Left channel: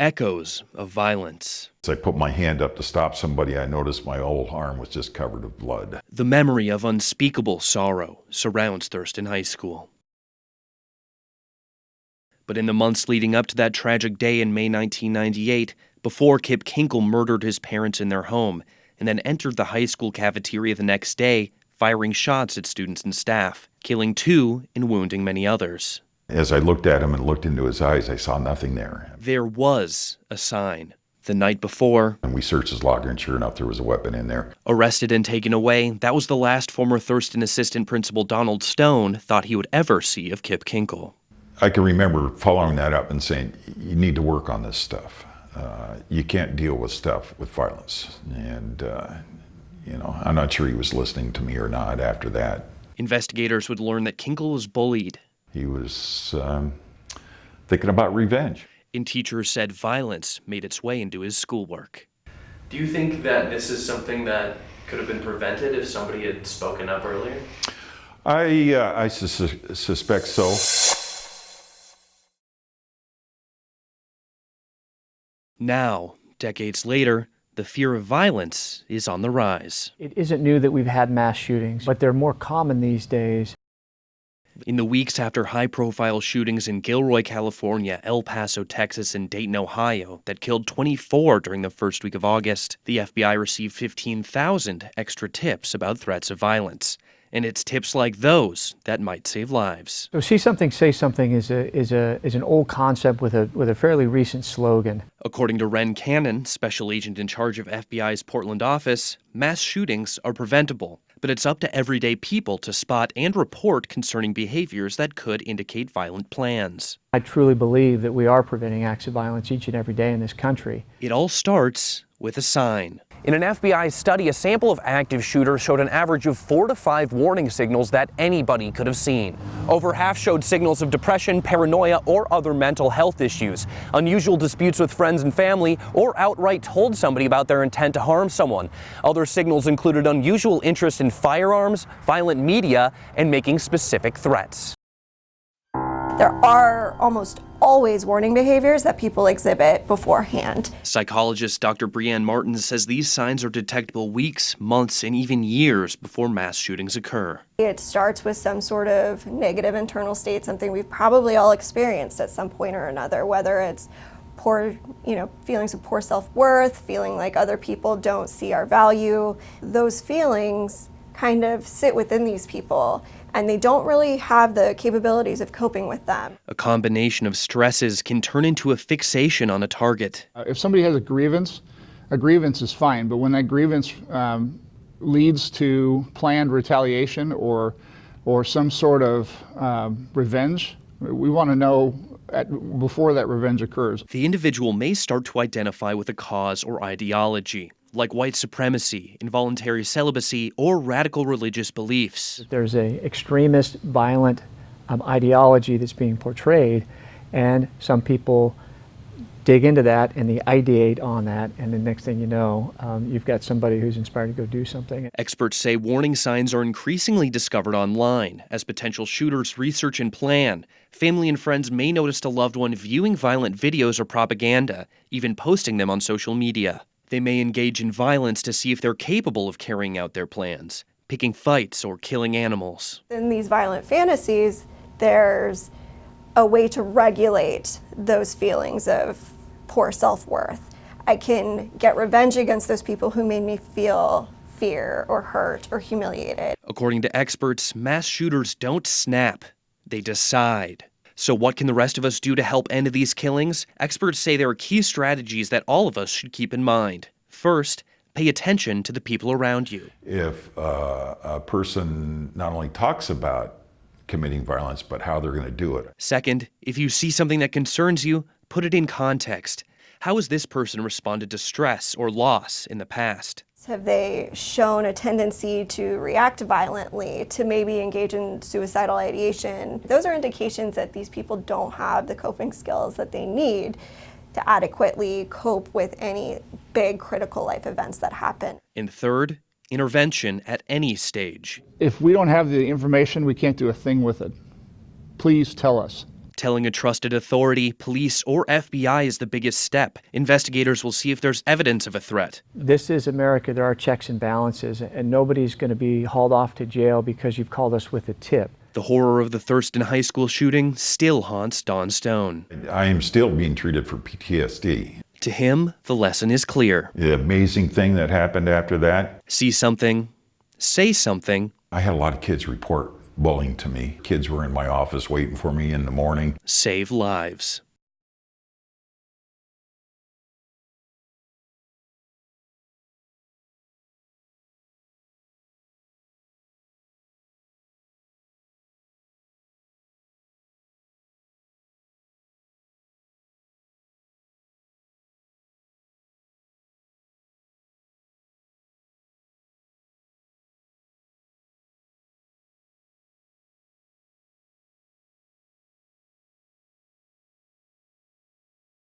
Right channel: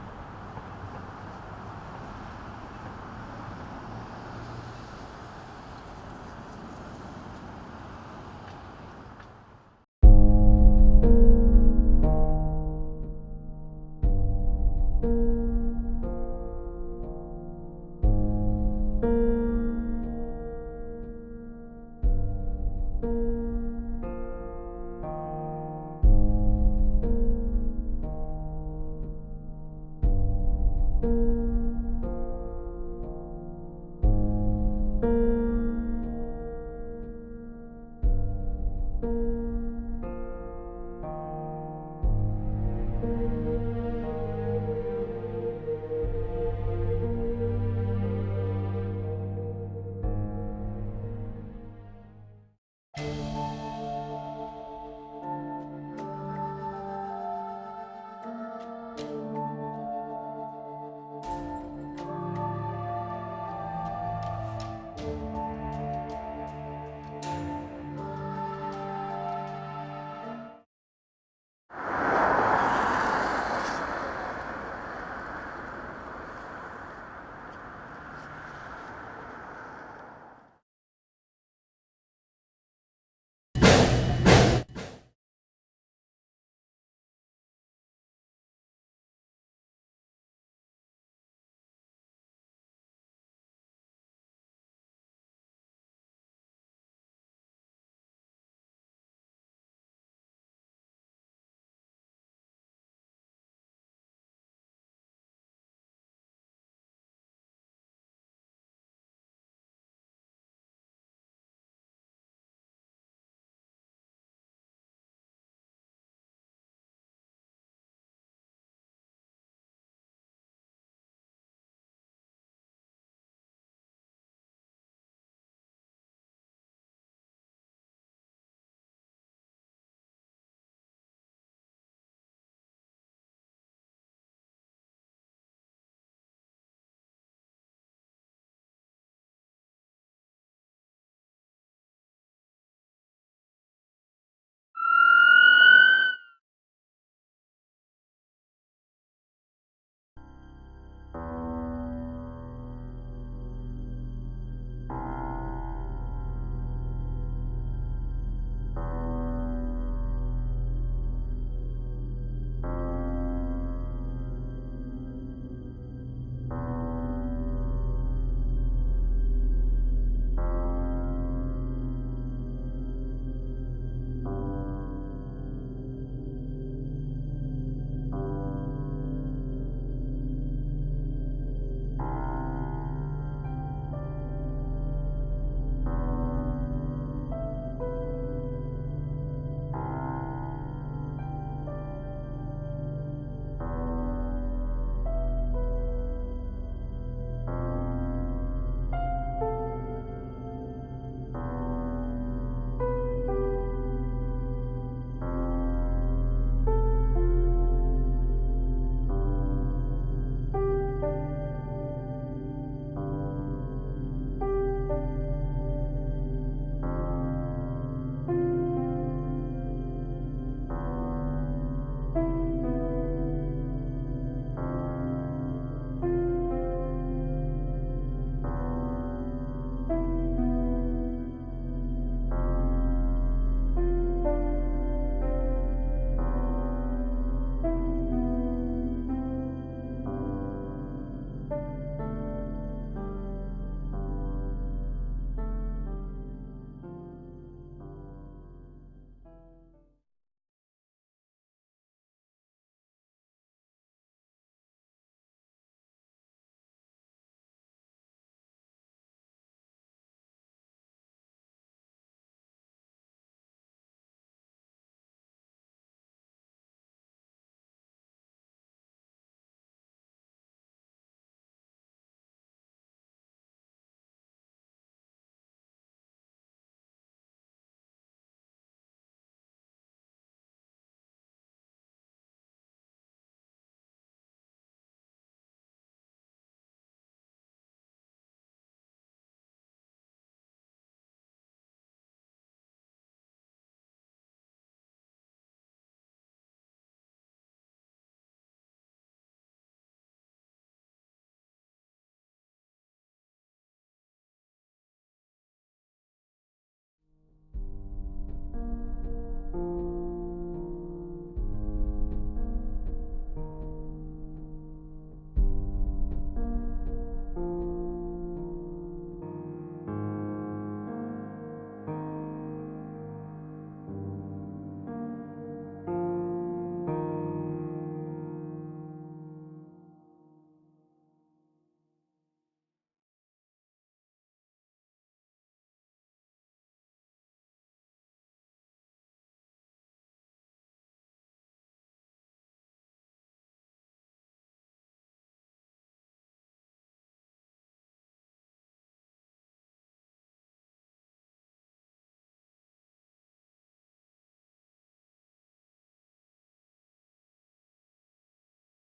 echoes of violence. As I put my hand up to stop somebody, I noticed my whole arm was just covered with blood. The memory of unspeakable sorrow surrounds Thurston High School. But in the months leading up to that tragic day in May 1998, before Kip Kinkle murdered his parents in their home and then entered the high school cafeteria the next day, firing shots at students and staff, killing 2 and wounding many others. As I looked at him and looked into his eyes, I saw nothing there. There was a sign. The night before, And we searched his locker, and sure enough, there was a weapon in there. arrested and taken away, that was the last former Thurston assistant principal Donald Stone thought he would ever see of Kip Kinkle. I can remember following that up and saying, you need to work on this stuff. You can't deal with stuff with violence. And, I'm not sure he was listening to me or not after that. Investigators would learn that Kinkle was bullied, He was thinking about revenge. and teachers said violence made its way into his schoolwork. Do you think that this is something that could have been prevented if somebody had spoken up earlier? I suspect so. Now, decades later, the fear of violence is on the rise. It isn't new that we've had mass shootings, but they're more common these days. In the weeks after high-profile shootings in Gilroy, California, El Paso, Texas, and Dayton, Ohio, that killed 24 during the first week of August, the FBI received 15,000 extra tips about threats of violence. And it's tips like those that might save lives. So see something, say something is an old concept with a fairly recent slogan. According to Ren Cannon, special agent in charge of FBI's Portland office, mass shootings are preventable, but it's up to everyday people to spot and report concerning behaviors that could indicate violent plans. I truly believe that we are preventing acts of violence each and every day in this country. It all starts with a sign. In an FBI study, a sample of active shooters showed an average of 4 to 5 warning signals that anybody could have seen. Over half showed signals of depression, paranoia, or other mental health issues, unusual disputes with friends and family, or outright told somebody about their intent to harm someone. Other signals included unusual interest in firearms, violent media, and making specific threats. There are almost always warning behaviors that people exhibit beforehand. Psychologist Dr. Brianne Martin says these signs are detectable weeks, months, and even years before mass shootings occur. It starts with some sort of negative internal state, something we've probably all experienced at some point or another, whether it's poor, feelings of poor self-worth, feeling like other people don't see our value. Those feelings kind of sit within these people, and they don't really have the capabilities of coping with them. A combination of stresses can turn into a fixation on a target. If somebody has a grievance is fine, but when that grievance leads to planned retaliation or some sort of revenge, we want to know before that revenge occurs. The individual may start to identify with a cause or ideology, like white supremacy, involuntary celibacy, or radical religious beliefs. There's an extremist, violent ideology that's being portrayed, and some people dig into that and they ideate on that, and the next thing you know, you've got somebody who's inspired to go do something. Experts say warning signs are increasingly discovered online as potential shooters research and plan. Family and friends may notice a loved one viewing violent videos or propaganda, even posting them on social media. They may engage in violence to see if they're capable of carrying out their plans, picking fights or killing animals. In these violent fantasies, there's a way to regulate those feelings of poor self-worth. I can get revenge against those people who made me feel fear or hurt or humiliated. According to experts, mass shooters don't snap, they decide. So what can the rest of us do to help end these killings? Experts say there are key strategies that all of us should keep in mind. First, pay attention to the people around you. If a person not only talks about committing violence, but how they're going to do it. Second, if you see something that concerns you, put it in context. How has this person responded to stress or loss in the past? Have they shown a tendency to react violently, to maybe engage in suicidal ideation? Those are indications that these people don't have the coping skills that they need to adequately cope with any big critical life events that happen. And third, intervention at any stage. If we don't have the information, we can't do a thing with it. Please tell us. Telling a trusted authority, police, or FBI is the biggest step. Investigators will see if there's evidence of a threat. This is America. There are checks and balances, and nobody's going to be hauled off to jail because you've called us with a tip. The horror of the Thurston High School shooting still haunts Don Stone. I am still being treated for PTSD. To him, the lesson is clear. The amazing thing that happened after that, See something, say something, I had a lot of kids report bullying to me. Kids were in my office waiting for me in the morning. save lives.